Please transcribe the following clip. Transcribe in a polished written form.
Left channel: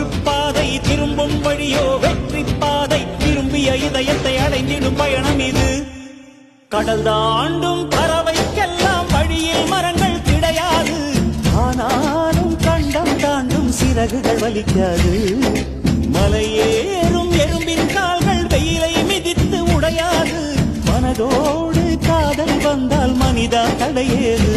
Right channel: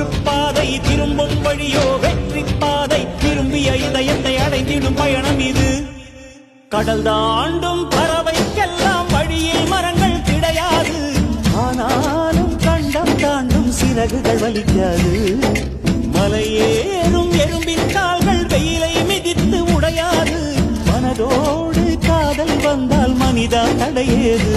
மாற்றுப்பாதை திரும்பும் வழியோ வெற்றி பாதை விரும்பிய இதயத்தை அடைந்திடும் பயணம் இது. கடல் தாண்டும் பறவைக்கெல்லாம் வழியில் மரங்கள் கிடையாது. ஆனாலும் கண்டம் தாண்டும் சிறகுகள் வலிக்காது. மலையேறும் எறும்பின் கால்கள் வெயிலை மிதித்து உடையாது. மனதோடு காதல் வந்தால் மனிதா தடையேது.